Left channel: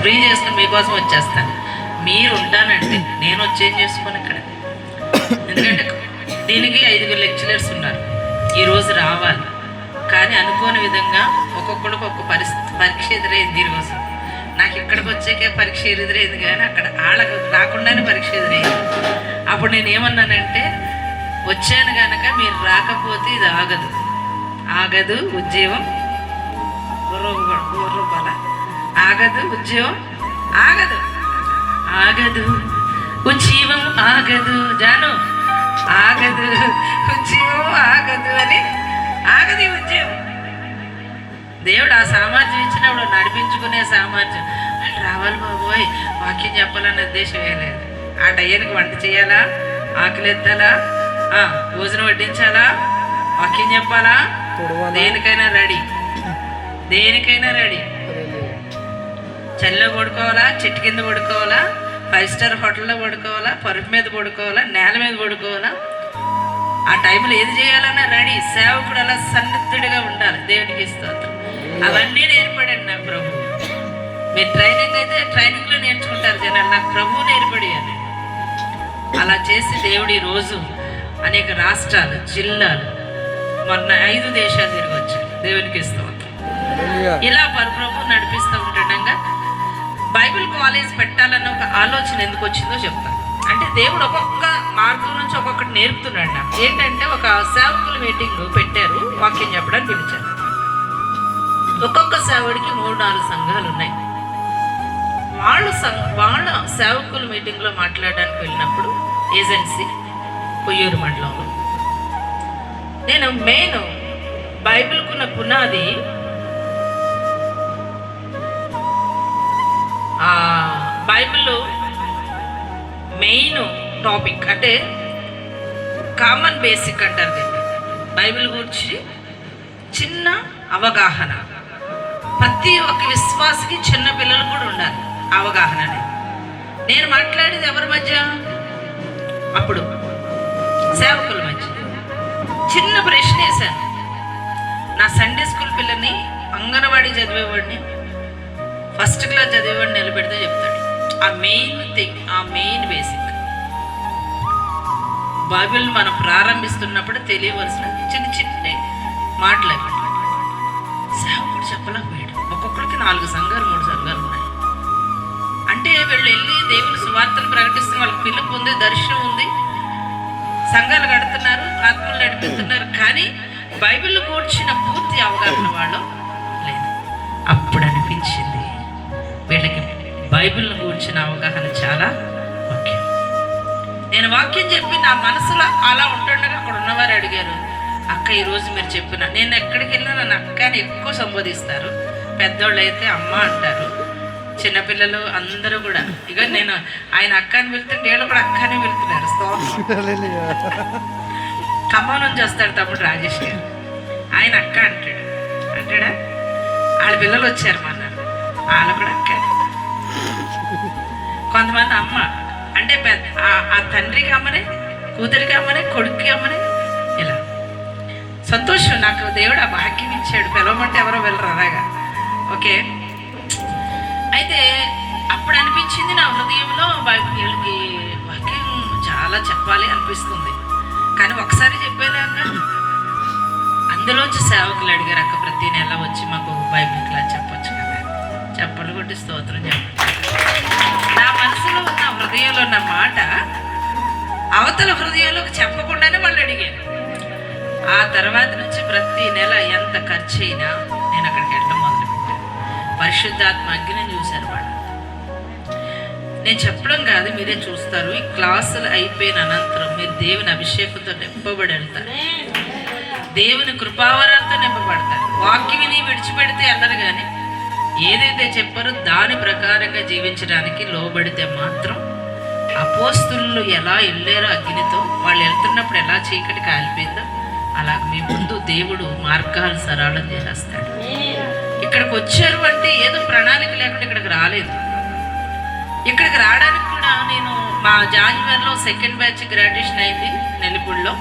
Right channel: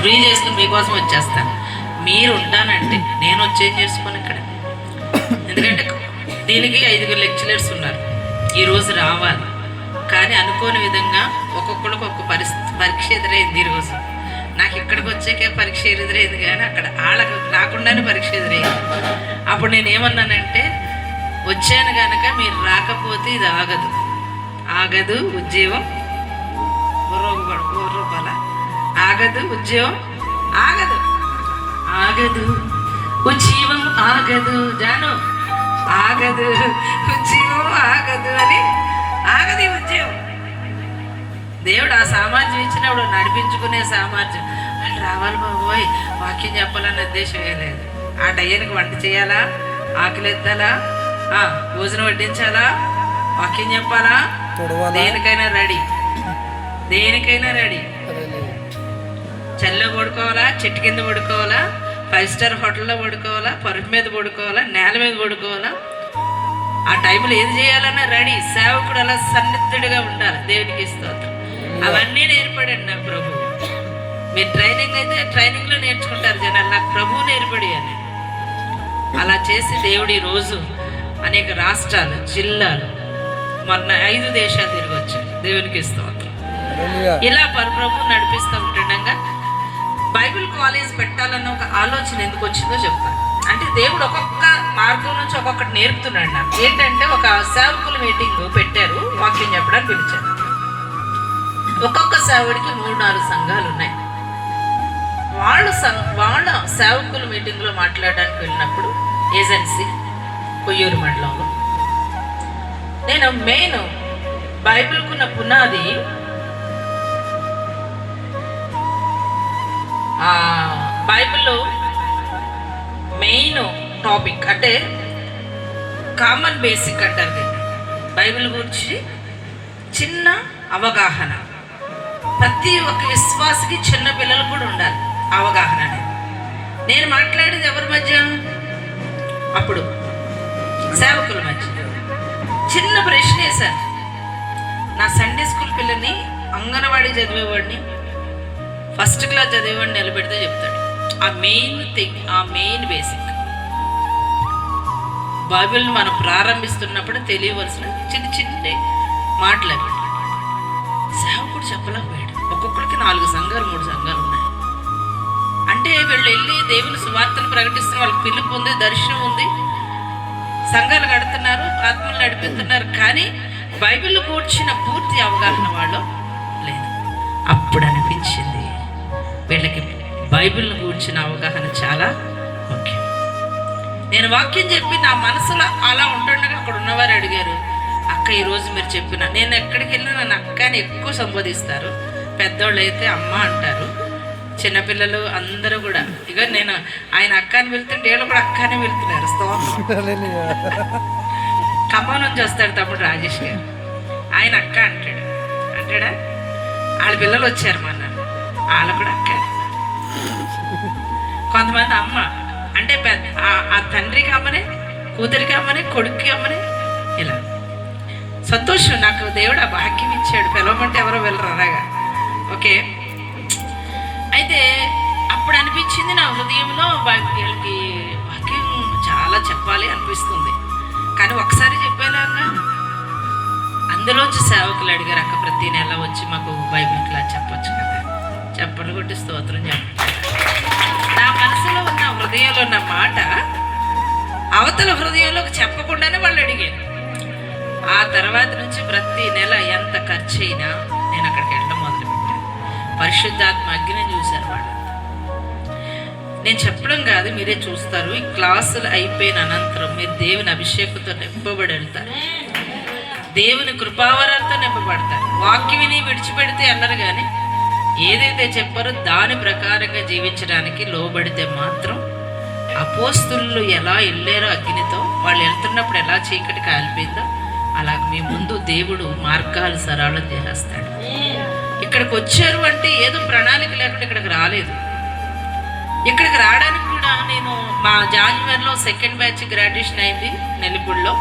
Free చేసుకుని మీకోసం వచ్చేస్తాను. మీరు ఉంటానంటే నేను వచ్చేం చేసుకోను ఇక్కడ. ఎందుకంటే దీనికి 5 లెక్చరర్స్ ఉన్నారు, ఈరోజు రావాలి. కానీ అనుకోని విధంగా ఒక్కొక్కడికి ఒక్కొక్క పరీక్ష ఎదురైంది. ఈరోజు నాకు ఇక్కడికి వచ్చాకే పరీక్ష ఎదురైంది, కానీ అక్కడ వాళ్ళకు రాకుండానే పరీక్ష ఎదురైంది. అప్పుడు నేను ఏమన్నానంటే, వచ్చాను కనుక మీరు రాకపోతే ఇది ఆగదు, ఆగదు ఉద్యోగం, ఆగదు ఉద్యోగం, ఆగదు, ఆగదు ఉద్యోగం, ఆగదు జాను, ఆగదు ఉద్యోగం, ఆగదు అని, ఆగదు ఉద్యోగం. దేవుడు ఆ సామర్థ్యం ఇచ్చినప్పుడు నడిపించుకునే సామర్థ్యం. రావాలి బాబోయ్ వాక్యం చెప్పాలనే ఉద్దేశం వేయలేదు. ఆ టయ్యానికి వంట చేయాలా, ఆకలి ఎత్తాలా, భోజనం వడ్డించాలా, వాక్యం చెప్పాలా, దేనికైనా రెడీ, దేనికైనా రెడీ. చల్ల పడుకోవాలా, చెట్టు కింద పడుకోవాలా, 5 స్టార్ హోటల్లో పడుకోవాలా, పరుపు మీద పడుకోవాలా, నేల మీద పడుకోవాలా, ఆ టైంలో ఏది చేయాలన్నా రెడీ. సేవకుడు అలా సన్నిధుడిగా ఉండాలి. దేవునికి స్తోత్రం. అవన్నీ నేర్పడండి నా ప్రభు. మీరు ట్రైనింగ్ అయితే ట్రైనింగ్లో నేర్చుకుంటారు జనాలు, నాకు ప్రభు నేర్పడియాలి. అలా చేసి దేవుడు ఈ రోజు అనేక రాష్ట్రాలు, జిల్లాలు, మొన్న 5 దేశాలు తిరిగి వచ్చాడు. దేవునికి స్తోత్రం. ఇలా ప్రభు నడిపిస్తూ ఉంటుండగా బైబిల్ కాలేజ్ పెట్టాలన్న ఒక ఆలోచన ఎందుకు వచ్చిందో చెప్తాను. అంటే దేవుడు ఒక్కొక్క మార్గం నుంచి ఒక్కొక్కటి నేర్పుతున్నాడు నాకు. ఏంటంటే ఒక సేవకుల మీటింగ్ పెట్టారు, వాక్యం చెప్పడానికి పిలిచారు. ఒక్కొక్క సేవడికి 3-4 సంఘాలు ఉన్నాయి. వాళ్ళ సేవకుల మీటింగ్లో మాట్లాడడానికి వెళ్ళినప్పుడు ఏజెన్సీ కొయ్యూరు మండలంలో నేను మెయిన్ బైబిల్కున్న పునాది బైబిల్లో మెయిన్ టాపిక్ అంటే కామన్ బేసిక్ అంటారు. బైబిల్ గురించి చిన్న అవగాహన ప్రతి ఒక్క విశ్వాసకి, చిన్న పిల్లలు కూడా ఉండాలి అవగాహన అనేది. నేను మాట్లాడేది ఎవరి మధ్య? అప్పుడు సేవకుల మధ్య. చిన్న ప్రశ్న వేశాను. నా సండే స్కూల్ పిల్లని, అంగన్వాడీ చదివేవాడిని, ఫస్ట్ క్లాస్ చదివేవాడిని నిలబెడితే చెప్తాడు ఆ మెయిన్ బేసిక్. బైబిల్ మనం ప్రారంభిస్తున్నప్పుడు తెలియవలసిన చిన్న చిన్న మాటలు సేవకుడు చెప్పలేకపోయాడు. ఒక్కొక్కరికి 4 సంఘాలు 3 సంఘాలు ఉన్నాయి. అంటే వీళ్ళు వెళ్ళి దేవుని సువార్తను ప్రకటిస్తున్న వాళ్ళకి పిలుపు ఉంది, దర్శనం ఉంది, సంఘాలు కడుతున్నారు, ఆత్మలు నడిపిస్తున్నారు, కానీ బైబిల్లో కూర్చిన పూర్తి అవగాహన వాళ్ళు లేదు. అప్పుడు అనిపించింది వీళ్ళకి బైబిల్ను కూర్చిన అవగాహన చాలా ముఖ్యం. నేను వాక్యం చెప్పి నా మనసులో అలా ఉంటుండగా అక్కడ ఉన్నవారు అడిగారు, అక్క ఈరోజు మీరు చెప్పిన, నేను ఎక్కడికి వెళ్ళినా నన్ను అక్కని ఎక్కువ సంబోధిస్తారు. పెద్దోళ్ళు అయితే అమ్మ అంటారు, చిన్నపిల్లలు అందరూ కూడా. ఇక నేను ఆయన అక్క అని వెళ్తుంటే వీళ్ళు కూడా అక్క అని వెళ్తున్నారు. ఖమ్మం నుంచి వస్తాడు తమ్ముడు రాజేష్ గారు, ఆయన అక్క అంటాడా. వాళ్ళ పిల్లలు వచ్చారు మన, వాళ్ళు కూడా అక్క. కొంతమంది అమ్మ అంటే ఆ తండ్రికి అమ్మనే, కూతురికి అమ్మనే, కొడుక్కి అమ్మనే. ఇలా సంతోషం. నాకు దేవుడు ఆ భాగ్యం ఇచ్చాడు. పిలవమంటే ఎవరు వెళ్ళరు అలాగా. ఓకే, అయితే అప్పుడు అనిపించింది నా హృదయంలో వీళ్ళకి వాక్యం చాలా చెప్పాలి అనిపిస్తుంది. కానీ ఒకసారి చెప్పేదాక అందులోంచి సేవకులు అడిగారు, అక్క ప్రతి నెల వచ్చి మాకు బైబిల్ క్లాస్ చెప్పొచ్చు కదా. చెప్పలు కొట్టి స్తోత్రం చెప్పచ్చు. నా మనసులో ఉన్న హృదయంలో ఉన్న మాట అవతల హృదయంలోకి చెప్పకుండానే వాళ్ళు అడిగారు. ఆ తర్వాత నుంచి ప్రతి నెల ఎంత ఖర్చు అయినా నేను అక్కడికి వెళ్ళడం మొదలుపెట్టాను. పరిశుద్ధాత్మ అగ్ని చూశాను వాళ్ళు. నేను చెప్పడం కాదు, మీరే చూస్తారు. ఈ క్లాసులు అయిపోయిన అనంతరం మీరు దేవుని అభిషేకంతో నింపబడి వెళ్తారు, దేవుని కృపావరాలతో నింపబడతారు. వాక్యం విని విడిచిపెడితే అన్నారు, కానీ ఏదైతే చెప్పారో దాని ప్రకారంగా జీవించడానికి లోబడితే మాత్రం అపోస్తులు ఎలా వెళ్ళారో అగ్నితో, వాళ్ళు వెళ్తున్నప్పుడు ఎలా చీకటి కాలిపోయిందో అలా మీ ముందు దేవుడు మార్గాలు సరళం చేసేస్తాడు. ఇక్కడికి వచ్చారు అంటే ఏదో ప్రణాళిక లేకుండా ఇక్కడికి రాలేదు. ఇక్కడికి రావడానికి కూడా నేను మా జాన్వరిలో 2nd బ్యాచ్ గ్రాడ్యుయేషన్ అయింది నెల్లిపూడిలో.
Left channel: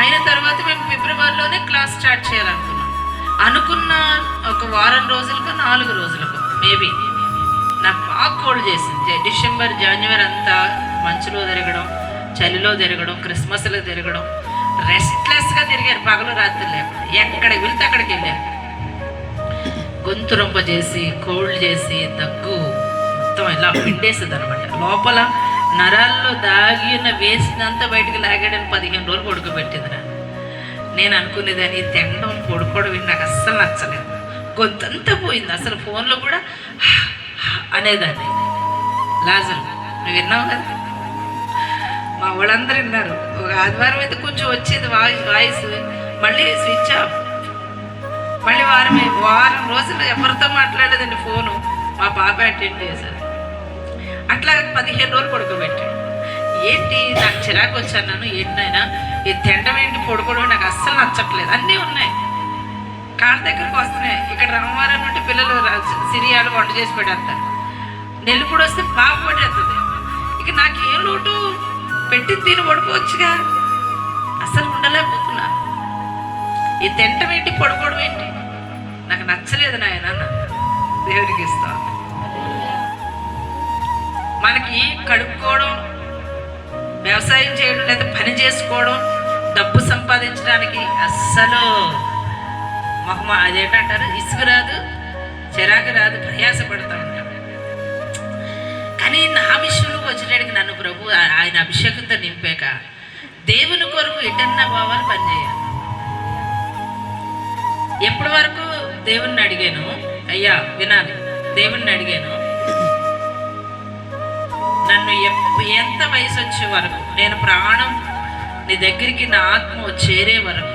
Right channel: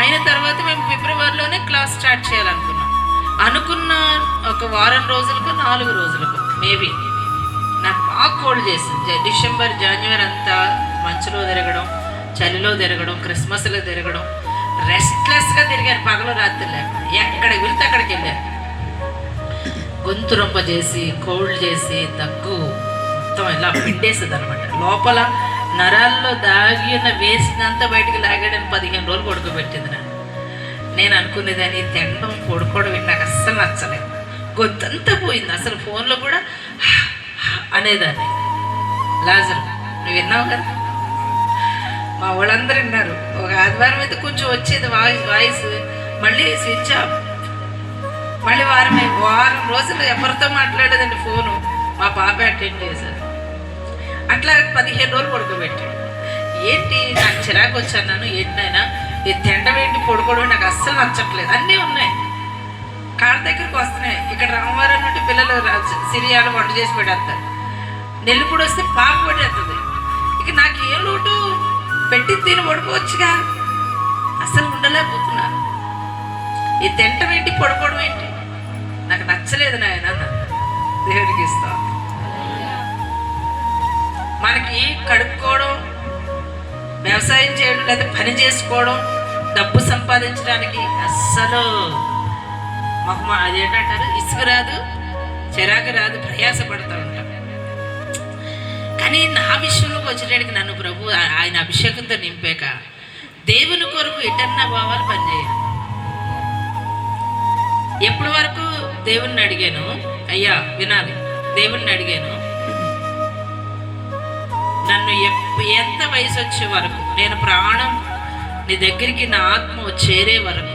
అయిన తర్వాత మేము ఫిబ్రవరిలోనే క్లాస్ స్టార్ట్ చేయాలనుకున్నాం. అనుకున్న ఒక వారం రోజులకు 4 రోజులకు మేబీ కూడా చేసింది. డిసెంబర్ జనవరి అంతా మంచులో తిరగడం, చలిలో తిరగడం, క్రిస్మస్లో తిరగడం, రెస్ట్లెస్గా తిరిగారు పగలు రాత్రి లేకుండా. ఎక్కడికి వెళ్తే అక్కడికి వెళ్ళారు. గొంతు రొంప చేసి, కోల్డ్ చేసి, దగ్గు మొత్తం ఇలా పిండేస్తుంది అనమాట. లోపల నరాల్లో దాగిన వేసినంత బయటికి లాగాడని 15 రోజులు పడుకోబెట్టింది నన్ను. నేను అనుకునేదాన్ని తినడం పడుకోవడం నాకు అస్సలు నచ్చలేదు. గొంతంతా పోయింది. అసలు ఫోన్లో కూడా అనేదాన్ని. లాజర్ నువ్వు విన్నావు కదా, మా వాళ్ళందరూ విన్నారు. ఒక ఆదివారం అయితే కొంచెం వచ్చేది వాయిస్, మళ్ళీ స్విచ్ ఆఫ్. మళ్ళీ వారం రోజులు ఎవరితో మాట్లాడేదండి ఫోను. మా పాప అటెండ్ చేశారు. అట్లా 15 రోజులు పడుకోబెట్టాడు. ఏంటి నాకు చిరాకు వచ్చాను. నన్ను ఏంటైనా ఈ తిండం ఏంటి, పడుకోవడం నాకు అస్సలు నచ్చట్లేదు. అన్నీ ఉన్నాయి, కాళ్ళ దగ్గరికి వస్తున్నాయి. ఇక్కడ రామవారం బట్టి పిల్లలు సిరియాలు వంట చేసి పెడతారు. నెల్లిపూడి వస్తే పాప పడేస్తుంది. ఇక నాకు ఏం లోటు, పెట్టి తిని పడుకోవచ్చుగా. అసలు ఉండలేకపోతున్నా. ఈ తింటం ఏంటి, పడుకోవడం ఏంటి నాకు నచ్చలేదు నాయన. దేవుడికి ఇస్తా. మనకి కడుక్కోవడం, వ్యవసాయం చేయడం, లేదా పని చేసుకోవడం, డబ్బు సంపాదించడానికి అస్సలు అదేంటారు, ఇసుక రాదు, చిరాకు రాదు, ప్రయాసపడుతూ ఉంటాం. కానీ నా విషయంలో వచ్చేటానికి నన్ను ప్రభు ఆయన అభిషేకంతో నింపాక దేవుని కొరకు ఎటన్నా పోవాలి, పనిచేయాలి. ఎప్పటి వరకు దేవుణ్ణి అడిగాను, అయ్యా వినాలి, దేవుణ్ణి అడిగాను, నన్ను ఎంత వయసు వచ్చే వరకు, నేను ప్రాణం నీ దగ్గరికి నా ఆత్మ చేరే వరకు,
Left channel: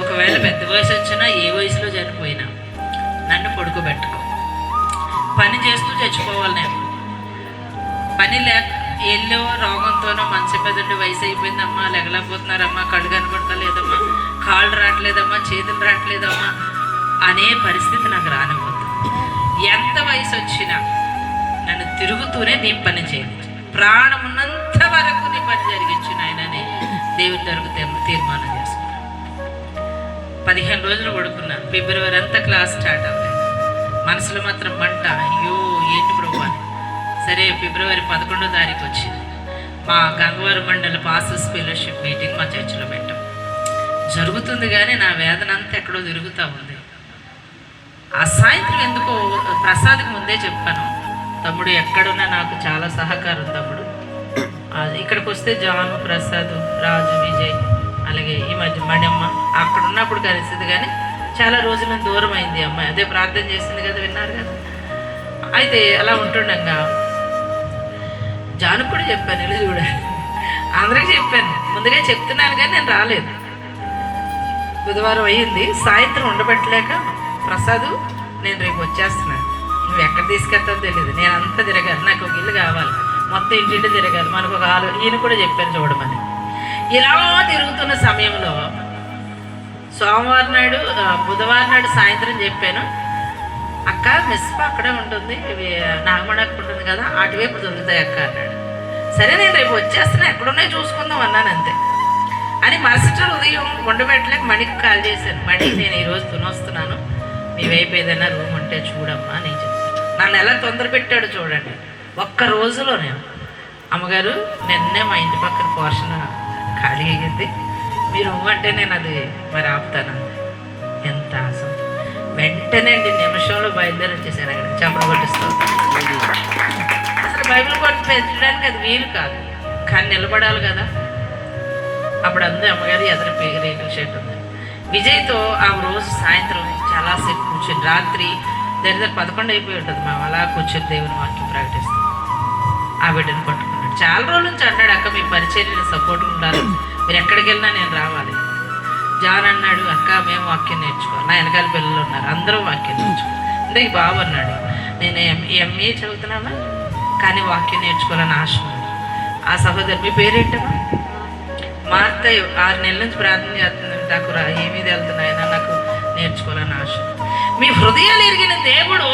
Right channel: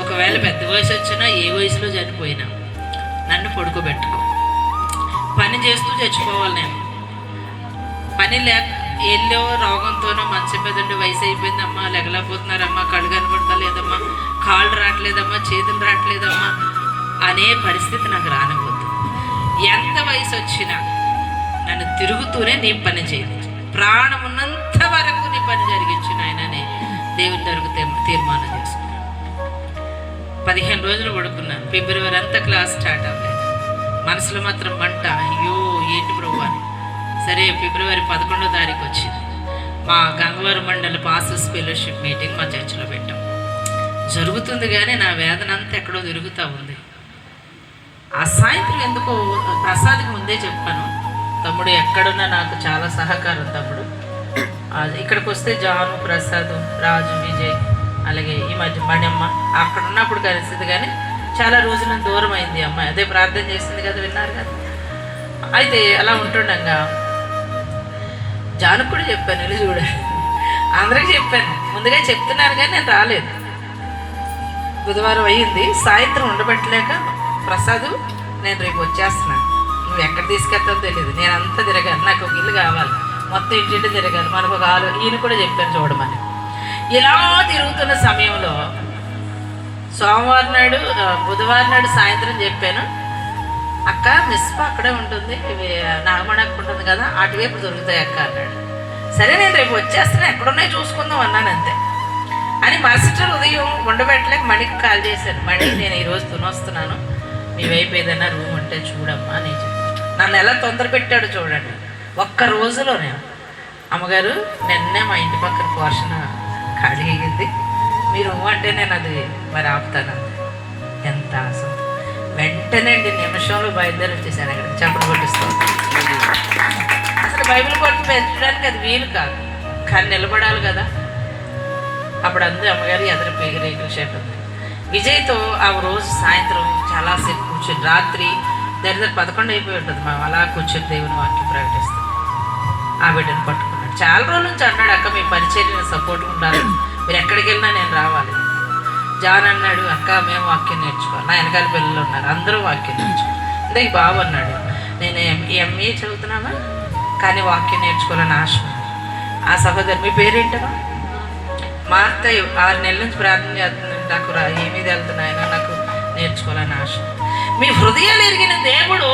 ఒకవేళ పెద్ద వయసు వచ్చినా ఏ వయసులో చనిపోయినా నన్ను పడుకోబెట్టుకో. పని చేస్తూ చచ్చిపోవాలి. నేను పని లేక ఎల్లో రోగంతోనో మంచి పెద్ద వయసు అయిపోయిందమ్మా, లెగలేకపోతున్నారమ్మా, కళ్ళు కనపడతా లేదమ్మా, కాళ్ళు రావట్లేదమ్మా, చేతులు రావట్లేదమ్మా అనే పరిస్థితి నాకు రానిపోతుంది. ఎంత వయసు వచ్చినా నన్ను తిరుగుతూనే నీ పని చేయించు, ప్రాణం ఉన్నంత వరకు నీ పని జరిగించు నాయనని దేవుని దగ్గరకు తీర్మానం చేసుకున్నాను. 15 రోజులు పడుకున్నాను. ఫిబ్రవరి అంతా క్లాస్ స్టార్ట్ అవ్వలేదు. మనసులో మాత్రం మంట, అయ్యో ఏంటి ప్రభు అని. సరే ఫిబ్రవరి 11వ తారీఖు వచ్చింది. మా గంగవరం మండలి పాస్టర్స్ ఫెలోషిప్ మీటింగ్ మా చర్చిలో పెట్టాం. జరుగుతుంది కానీ నా వేదన అంతా ఎక్కడో తిరుగుతూ ఉంది. ఆ సాయంత్రం ఎందుకో ప్రసాద్కి ముందే చెప్పాను, తమ్ముడు ఎక్కడున్నా నాకు చాలా సహకారం తమ్ముడు. ఇక్కడికి వస్తే జాను, ప్రసాద్, రాజు, విజయ్, అలాగే ఈ మధ్య మణమ్మ అక్కడ ఉన్నప్పుడు కలిసింది. కానీ చాలా రోజుల దూరం అయింది అమ్మాయి. అదే ప్రార్థన చేసింది కదా, విన్నారు కదా. అయితే అలా ఉంటుండగా జాను కూడా చెప్పాను, వెళ్ళి చూడండి. అందరికీ చెప్పాను, ముందుగా చెప్తున్నాను కానీ నేను రాలేదు. బుధవారం అయ్యింది. సాయంత్రం ఉండబెట్టలేక ప్రసాద్ నేను రేపు వచ్చేస్తున్నాను, నువ్వు ఎక్కడ తీసుకెళ్తావు తెలియదు, నేను అంతా తిరగాలి, నాకు ఒక ఇల్లు కావాలి, మొత్తం ఇంటింటి తిరగాలి, మనకు ఒక ఈయన కూడా చెప్పాను చూడమని. ఇలా తిరుగుతున్న సమయంలో సోమవారం నాడు, బుధవారం నాడు సాయంత్రం చెప్పాను, అక్క మిస్ప అక్కడే ఉంటుంది, ఇవి నాగమణి అక్క ఉంటుంది కదా, అటువైపు దొరుకుతాయి అక్క అన్నాడు. సరే నేను రేపు వచ్చేస్తాను, ఎక్కడున్నాయి చూసుకుందాం అన్నాను అంతే. అని మాస్టర్ ఉదయం ఉండబెట్టలేక మణికి కాల్ చేశాను, మణి నేను ఈరోజు తినొస్తున్నాను, మీ వైపు ఏదైనా రూమ్ ఉంటే చూడమ్మా అని చెప్పాను. నన్ను ఎలా తొందర పెట్టాడు చూడండి. ఒక్క రోజులో నేను, అమ్మగారు నిన్నే మా ఇంటి పక్కన పోర్షన్ ఖాళీ అయ్యింది, మీరు అంటే నేను అది మరి ఆపుతాను. ఎంత ఆశ! వెంటనే నిమిషంలో బయలుదేరి వచ్చేసాను. అక్కడ చెప్పలు కొట్టిస్తాను. అసలు బైబిల్ కొట్టి పెంచడానికి అది వీలు కాదు, కానీ నిలబడాలి కదా. అప్పుడు అందరూ అమ్మగారు ఎదురు రేకుల షేప్ ఉంది. విజయ్తో ఆ రోజు సాయంత్రం చాలాసేపు కూర్చొని, రాత్రి దగ్గర 11 అయిపోయి ఉంటుంది, మేము అలా కూర్చొని దేవుని వాక్యం ప్రకటిస్తాం. ఆ బిడ్డను పట్టుకున్నాడు. చాలా రోజుల నుంచి అన్నాడు, అక్క మీ పరిచర్య సపోర్ట్గా ఉండాలి, మీరు ఎక్కడికి వెళ్ళినా నేను రావాలి. జాన్ అన్నాడు, అక్క మేము వాక్యం నేర్చుకోవాలి, నా వెనకాల పిల్లలు ఉన్నారు, అందరూ వాక్యం నేర్చుకోవాలి. అంటే ఈ బాబు అన్నాడు, నేను ఎంఏ చదువుతున్నామా కానీ వాక్యం నేర్చుకోవాలని ఆశ ఉంది. ఆ సహోదరు మీ పేరేంటమ్మా? మార్త 6 నెలల నుంచి ప్రార్థన చేస్తుంది, నాకు ఏమీ వెళ్తున్నాయన, నాకు నేర్చుకోవాలని ఆశ. మీ హృదయాలు ఎరిగిన దేవుడు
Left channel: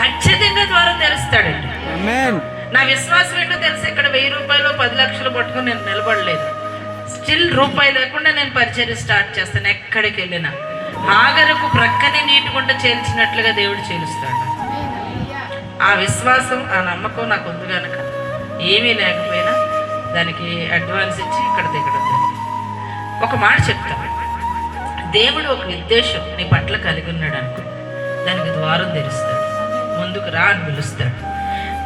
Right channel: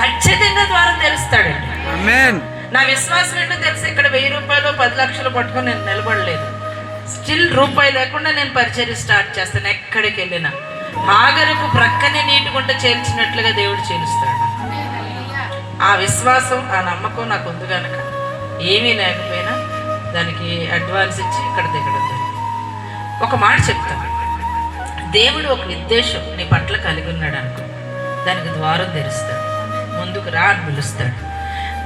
ఖచ్చితంగా ద్వారం తెలుస్తాడండి. ఆమేన్. నా విశ్వాసం ఏంటో తెలిసి ఇక్కడ 1000 రూపాయలు 10 లక్షలు పట్టుకుని నేను నిలబడలేదు. స్టిల్ రూపాయి లేకుండా నేను పరిచర్య స్టార్ట్ చేస్తాను. ఎక్కడికి వెళ్ళినా హాగరుకు ప్రక్కనే నీటి గుంట చేల్చినట్లుగా దేవుడు చేలుస్తాడు. ఆ విశ్వాసం, ఆ నమ్మకం నాకు ఉంది కనుక ఏమీ లేకపోయినా దానికి అడ్వాన్స్ ఇచ్చి ఇక్కడ దిగడం జరిగింది. ఒక మాట చెప్తాను, దేవుడు ఒక ఉద్దేశం నీ పట్ల కలిగి ఉన్నాడు అనుకో, దానికి ద్వారం తెరుస్తాడు, ముందుకు రా అని పిలుస్తాడు.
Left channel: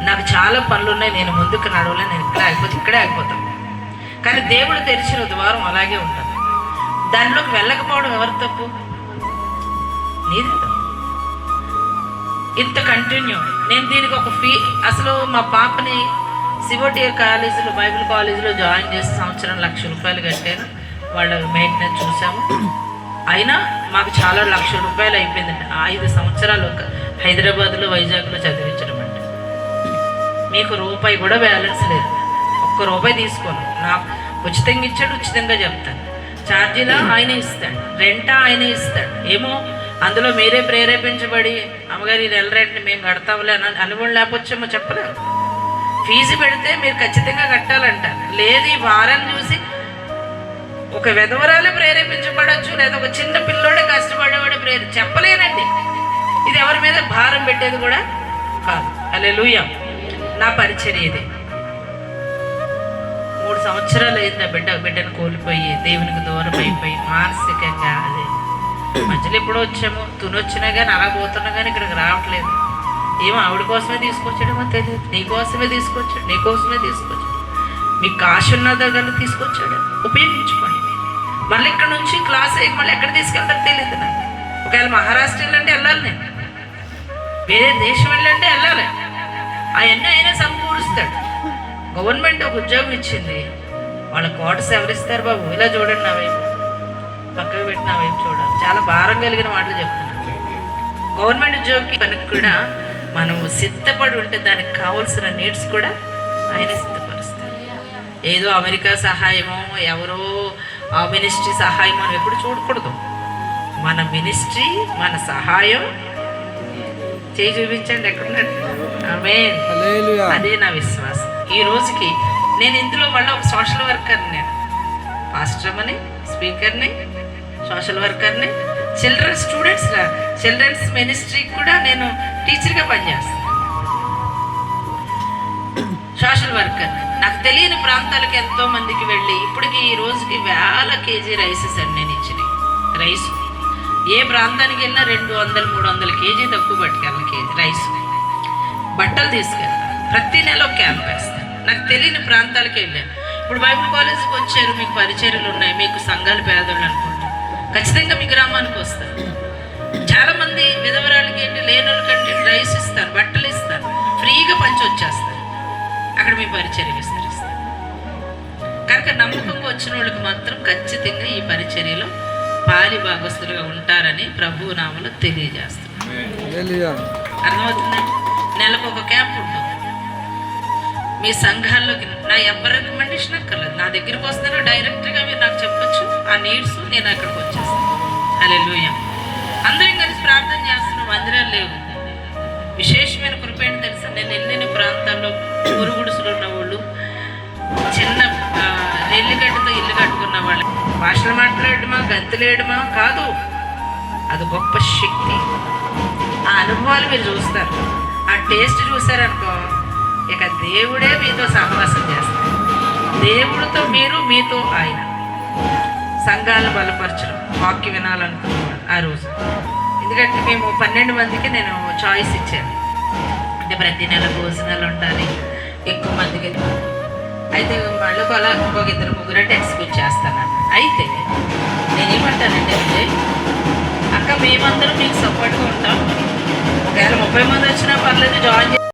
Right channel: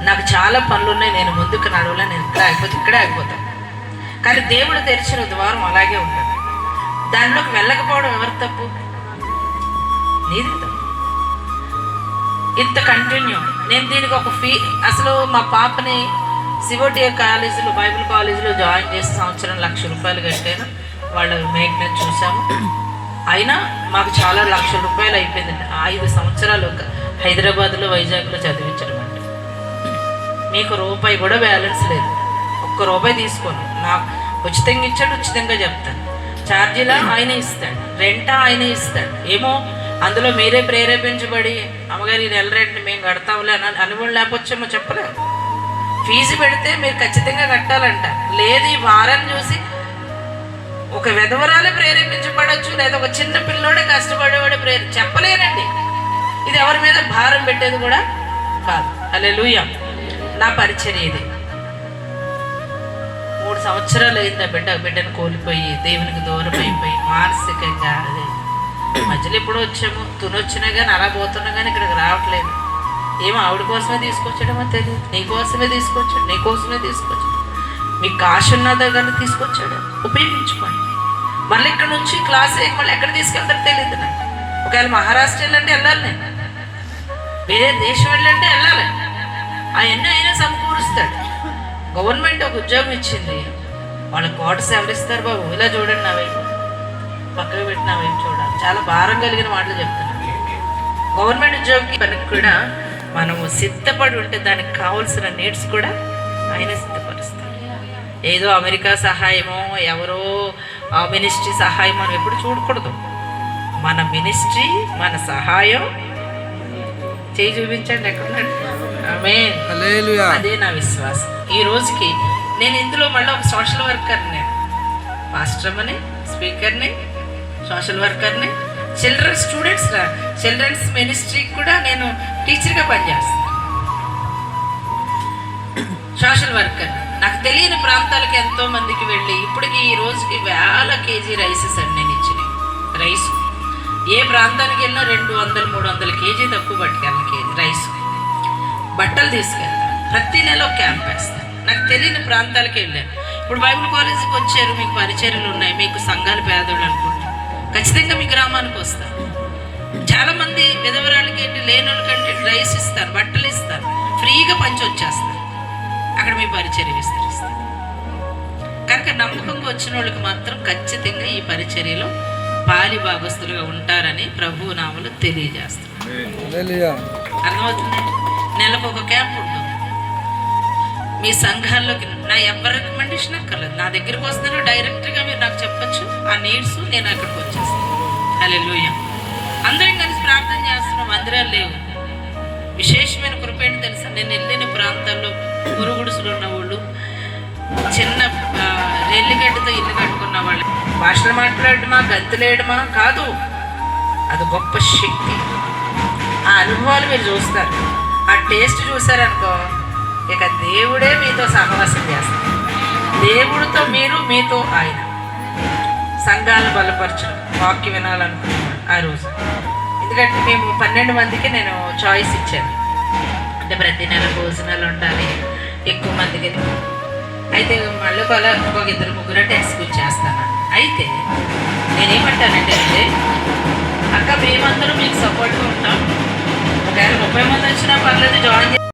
నాకు చాలా పనులు ఉన్నాయి, నేను ముందుకు నడవలే, నేను ఇక్కడే ఆగిపోతాను. కానీ దేవుడు తెరిచిన ద్వారం అలాగే ఉంటుంది. దానిలోకి వెళ్ళకపోవడం ఎవరి తప్పు? నీది తప్పు. ఇంత కంటిన్యూ నేను దీనికి ఒక అసలు మా పాపని సివోటియా కాలేజీలో, బైబిల్ కాలేజీలో జాయిన్ చేసి సంవత్సరం ₹1,00,000 కట్టాను. వాళ్ళ మెయింటెనెన్స్ చూసాము. అయినా మాకు చాలా ₹1,00,000 అయిపోయిందండి. 5 సంవత్సరాలు హైదరాబాద్లో, వైజాగ్లో చదివించడం అంటే. మీకు రూపాయి కూడా బ్యాలెన్స్ లేదు, ₹1 తీసుకోను. నాకు ఉచితంగా ఇచ్చాడు, ఉచితంగా చెప్తాను. ఛార్జీలా ఆయనే ఇస్తాడు, రెంటా ఆయనే ఇస్తాడు. ఏమో అందులో మీరే ప్రేరేపించబడి అమ్మగారి నెల రెంట్ని మేము కడతాంలే అని కూడా లేకపోవచ్చేమో చెప్పలేము. ఫీజు పెడితే మీరు ఖచ్చితంగా కట్టాలంట. లేదు ఈ వారాన్ని చూసి ఒక విధవరాలే ప్రేరేపించబడచ్చు, లేదా ఒక చిన్న పిల్లోడే కష్టపడేవాడే చెప్పలేనండి. ఇది ఎవరి మీద భారం పెట్టేది కూడా కాదు. హల్లెలూయా. నా పరిచర్య ఇది. 3 సంవత్సరాలు అయింది నా బిడ్డను కోల్పోయి, దేవునికి దూరం అయిపోయి, మానసికంగా అదే మధ్యలో ఎప్పుడో వచ్చాము, తునొచ్చినా కానీ అలా పోతున్నా కానీ ఇక్కడికి రావట్లేదు. ఏమో ఆవిడ కోసమే తీసుకొచ్చాడమో తెలియదు, నీకోసమే తీసుకొచ్చాడు. మీకు కాశ ఉన్నదో కానీ తీసుకొచ్చాడు, ఉపయోగించుకోండి. మళ్ళీ ఇక్కడ నుంచి క్లాస్ మళ్ళీ ఎక్కడ తీసుకెళ్తారో తెలియదు నాకు. ఒకవేళ మహారాష్ట్ర వెళ్ళంటే వెళ్ళాలి, నేను వేరే దేశం వెళ్ళంటే వెళ్ళాలి. అవన్నీ అయినా సమకూరుస్తాడు. గవర్నమెంట్ ఒక ఉద్యోగం ఇచ్చింది, వాళ్ళ క్వార్టర్స్ ఎవరిస్తారు బాబు? ఇలా చూడండి, నా వైపు పక్కకు పెట్టి నా వైపు చూడాలి. చాలా భారం కలిగిన మాటలు చెప్తాను. గవర్నమెంట్ ఉద్యోగికి పనికి కూడా మనము సిద్ధపడి ఉంటే దానికి కావాల్సిన నీడ్స్ కూడా ఆయన సిద్ధపరుస్తారు. ఏదో అమెరికా సహాయమో, ఎవరో మినిస్ట్రీ సహాయమో అని ఎప్పుడు చూడకూడదు. మన మినిస్ట్రీ, మన సహాయం చేయి చూపించండి ఎక్కడున్నాడు. ఆమేన్. అదే నా విశ్వాసం. ఈ రోజుకి నేను ఇందులో మళ్ళీ ఒక సోషల్ వర్కర్ని, పాస్టర్ని, స్పీకర్ని, సోషల్ వర్కర్ని, చిల్డ్రన్స్ మినిస్ట్రీకి కూడా నేను టీచర్గా పనిచేస్తాను. Social worker. నాకు తెలియని ప్రాంతాలకు ఎంతో మందికి వెళ్ళి ఇప్పటికి ఈ రోజుకి వేల కేజీ రైసెస్ అండి నేను ఇచ్చిన రైస్. ఏ ప్రాంతానికి వెళ్ళినా 200-300 కేజీ తక్కువ పట్టుకెళ్ళిన కేజీ రైస్. బట్టలు తీసుకెళ్తాను. ప్రతి నెల ఒక క్యాంప్ వేస్తాను. నాకు తెలియని ప్రాంతాలకు వెళ్ళాను. ఇప్పుడు బైబిల్ కాలేజీకి వచ్చారు, మీకు పరిచర్యలు ఉన్నాయి, మీకు సంఘాలు పేదోళ్ళు అనుకుంటారు, ఖచ్చితంగా మీ గ్రామానికి వస్తారు. చాలామంది విధవరాలకి ఏంటి, లేనోళ్ళకంటే రైస్ ఇస్తారు, బట్టలు ఇస్తారు, ఫ్రీగా పంచి వచ్చేస్తారు. అక్కడ మీ పరిచర్య విస్తరిస్తారు. కనుక నమ్మకంగా వచ్చిన వాళ్ళకి మాత్రం ఖచ్చితంగా ఈ పరిచర్యలో పాలి భాగస్తులుగా ఉంటారని ప్రభు నామములో తెలియజేస్తున్నారు. అర్థమవుతుందండి. నెలకు ఒక క్యాంప్ ఉంటుంది. మీ సంఘాల్లోకి నా ఎవరి రికమెండేషన్ అక్కర్లేదు, నా దగ్గరకు వస్తారో డైరెక్ట్గా మీరు నాకు చెప్పచ్చు ఆ నీడ్స్, నేను అక్కడికి వచ్చేస్తాను. హల్లెలూయా. అందరం కలిసి ప్రార్థన చేస్తున్న మందిరాలు లేవు. విశేషమైన కృప ఏంటి తెలుసా? నేను వెళ్ళిన ప్రాంతాల్లో గురుగుడుసులు ఉన్న వాళ్ళు, చిన్న నెల్లిగడ్డతో ఇల్లు కట్టుకున్న వాళ్ళు, భాషలు మాట్లాడమా, గంతులేయడమా కాదు, అది గొప్ప శక్తి. ఆ అనుభవాలు మీరు చూస్తారు, ఆ టేస్ట్ చూసారనుకో, ఇక దేవుడే మీతో సహవాసం చేస్తారు. దేవుడితో మీరు, మీతో ఆయన. సంఘాలను బలపరచడం, వాక్య వినాలనుకున్నాను ఆ రోజు. ఎందుకంటే మేము 12 మందికి నేను చాయిస్ ఇచ్చాను. అంటే ప్రతి నెల భోజనాలు ఉండాలి, ఎక్కువ మందికి. అయితే మళ్ళీ ఇంకొక 2-3 అంటే ఎక్స్క్యూజ్ చేస్తాను. అయితే నేనేమంటానంటే, అక్క మేమందరం మీకు సపోర్ట్గా ఉంటాం, ఒకవేళ 30 మంది వచ్చినా పర్లేదు, జాయిన్